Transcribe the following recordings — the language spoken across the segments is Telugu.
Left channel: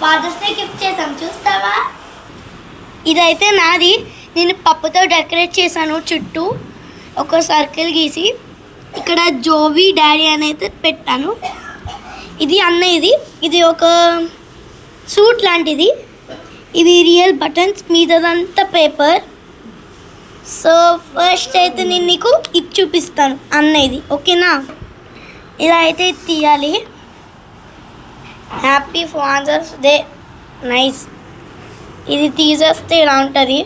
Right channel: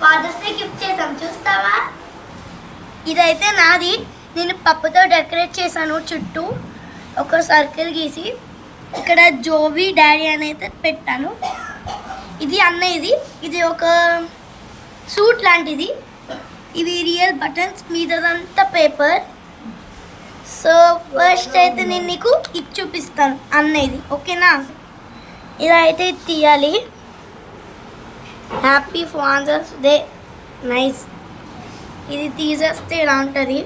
ఫాదర్స్ డే గిఫ్ట్ చేసాం, చూస్తావా? ఇదైతే నాది. నేను పప్పుతో డెకరేట్ చేశాను, చుట్టూ ఒక సర్కిల్ గీసి ఇక్కడ జోవి డాడీ అని అయితే పెట్టాను. ఇది అన్నయ్యది. ఇది ఒక సూట్ లాంటిది. ఇవి రియల్ బటన్స్, మీదంతా పేపర్. సో ఫస్ట్ అయితే నేను నీకు ఇది చూపిస్తాను అన్నయ్యది, ఓకేనా? ఇలా అయితే తీయాలి. Happy father's day, nice. ఇది తీసేస్తే ఇలా ఉంటుంది,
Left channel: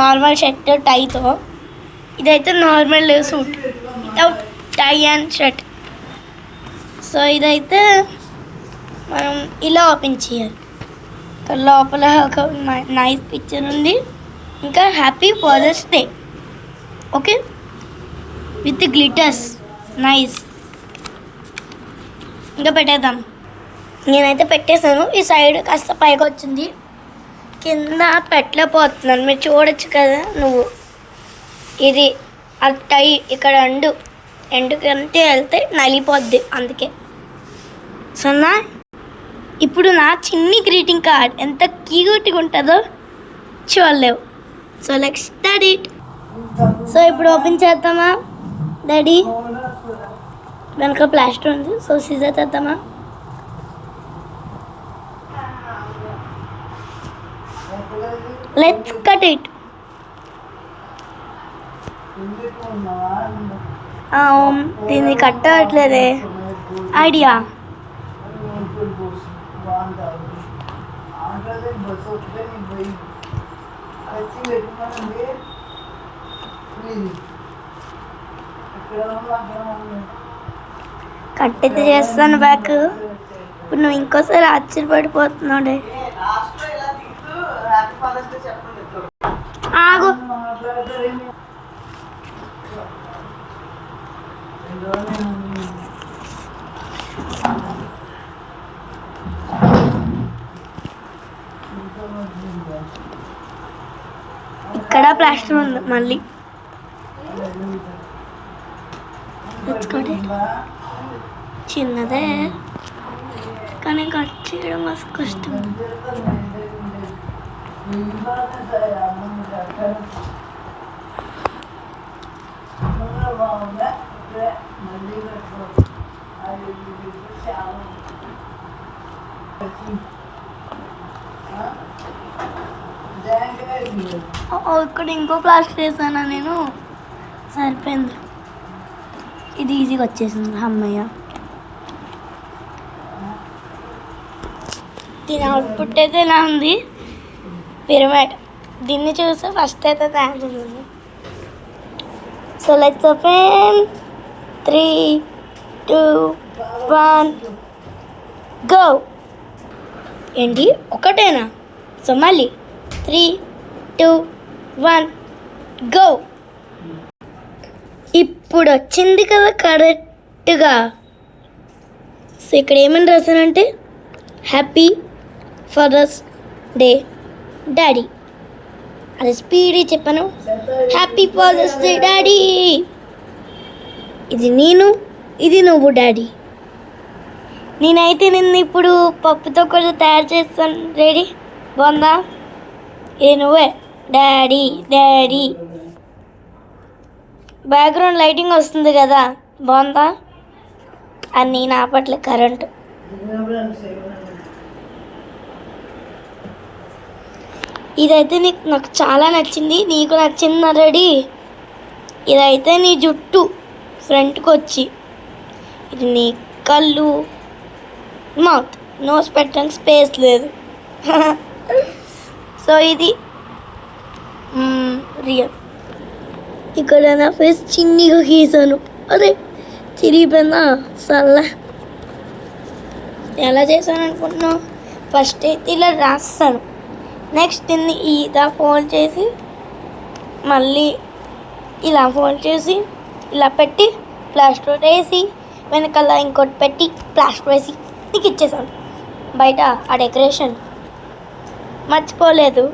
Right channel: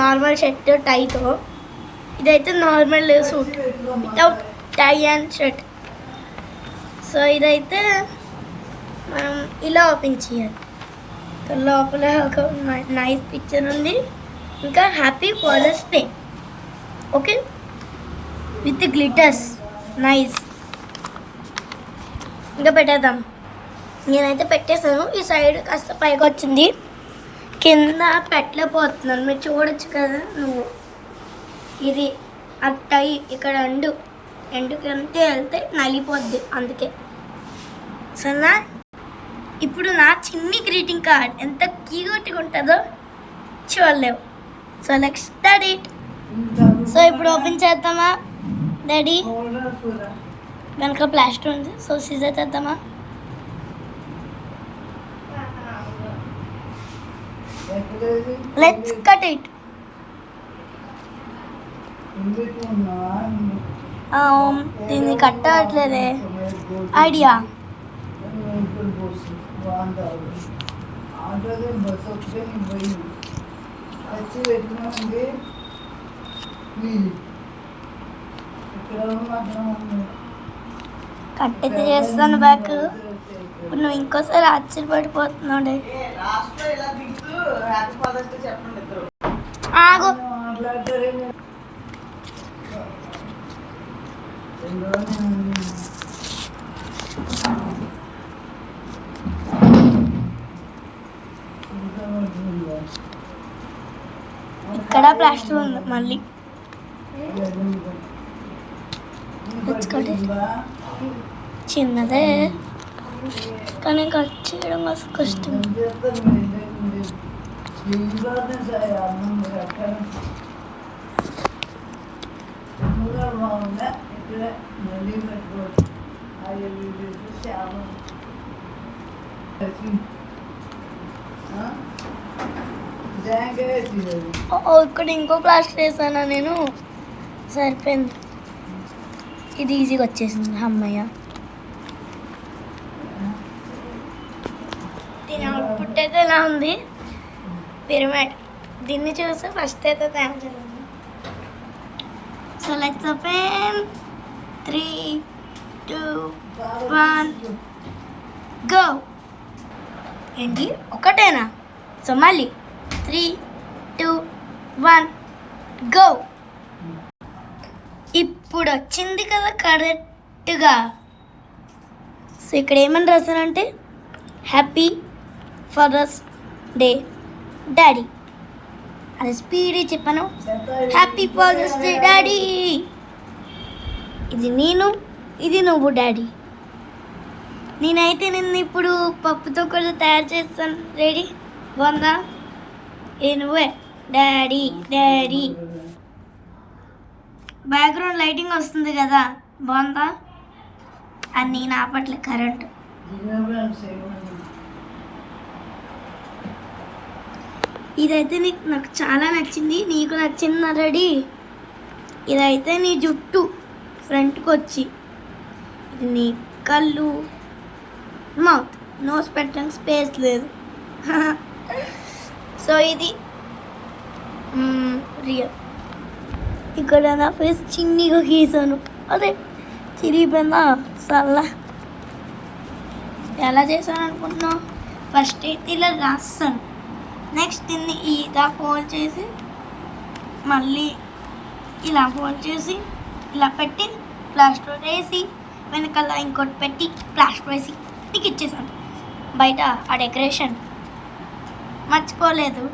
నార్మల్ షర్ట్ టైతో. ఇదైతే normal suit without tie and shirt. So ఇదైతే మనం ఇలా ఓపెన్ చేయాలి. లోపల ఒక నైస్ పిక్చర్ ఉంది, ఇంకా happy father's day, okay, with glitters, nice. ఇంకా పెట్టేద్దాం. నేనైతే పెట్టేశాను. ఈ సైడ్ కాస్త పైకి వచ్చింది, కింద పెట్టలేకపోతున్నాను. మీరు చూడొచ్చు కదా నువ్వు. ఇది అట్టై ఇక్కడ ఎండుకంటే వెళ్తే నలిపోద్ది, అందుకే. సన్నా ఇప్పుడు నా చిన్ని గ్రీటింగ్ కార్డ్ ఎంత క్యూట్గా ఉంటుందో చూడలేవు. So let's start it. So ఇప్పుడు ఓపెన్ చేద్దామా డాడీ? వెనక ప్లాస్టర్ ఉంది, సో సీజర్ చేద్దామా? Let's cut it. దీన్ని కట్టట్లేదే, ఐడియా. కట్టయితే చేస్తాను బ్యాక్. ఇప్పుడు నువ్వు ఇంకోసారి ఆశ్చర్యపడిపోతున్నాడే. ఆగు. ఇక్కడ ప్లాస్టర్ ఉంది మళ్ళీ. చిన్నదే కానీ కట్ చేయడం మస్తు కష్టం. ఇక్కడ ఇంకో ప్లాస్టర్ వేసానా నేను, సరిపోయింది. ఇది ఈజీగా వచ్చేసింది, అమ్మయ్య. దీని అవుట్పుట్ అయితే ఎలా ఉంది? పిరమిడ్. దీన్ని చూస్తే ఫస్ట్ అయితే థ్యాంక్స్ ఉంది. So let's open. 3, 2, 1 గో. ఏంటి ఒకటేనా? సో మళ్ళీ 3, 2, 1 గో. ఇప్పుడు వచ్చింది కదా కరెక్ట్గా. సో ఇక్కడ ఏమని రాశానంటే హ్యాపీ ఫాదర్స్ డే డాడీ. అది స్పీడ్ చెప్పాను, హ్యాపీ ఫాదర్స్ డే డాడీ. ఇది నేను, ఇది నువ్వు డాడీ. నేనైతే నిన్ను ఇప్పుడు పప్పుతో కూడా తయారు చేస్తాను డాడీ, బాగుందా? ఇది నువ్వే డాడీ డాడీ. బ్యాక్గ్రౌండ్ లైటింగ్ వస్తుంది కదా, బాగుందా? అని నా పట్ల కరెంట్. ఇదైతే నాకు చాలా నచ్చింది. నీకు నచ్చింది ఆల్రెడీ. ఇదైతే నీ జుట్టు ఫ్రంట్కి వచ్చి, ఇది నీ కళ్ళు, మౌత్, నోస్ పెట్టడానికి స్పేస్ లేదు. సో ఇది రియల్. ఇక్కడ నా ఫేస్ చిన్నగా గీసాను. అదే చిరిగిపోయిందా సల్లా. ఎలా చేశాను అనుకుంటున్నావు? ఫస్ట్ అయితే ఇలా రాస్తాను, నెక్స్ట్ దీన్ని ఇలా ఫోల్డ్ చేసి, మళ్ళీ ఇలా ఫోల్డ్ చేసి, ఇలా పెట్టి ప్లాస్టర్ వేసి, వెనకాల ఇంకోటి పెట్టి ప్లాస్టర్ వేసి నీకు ఇచ్చేసాను. బయట ఆ డెకరేషన్ మర్చిపోలేదు.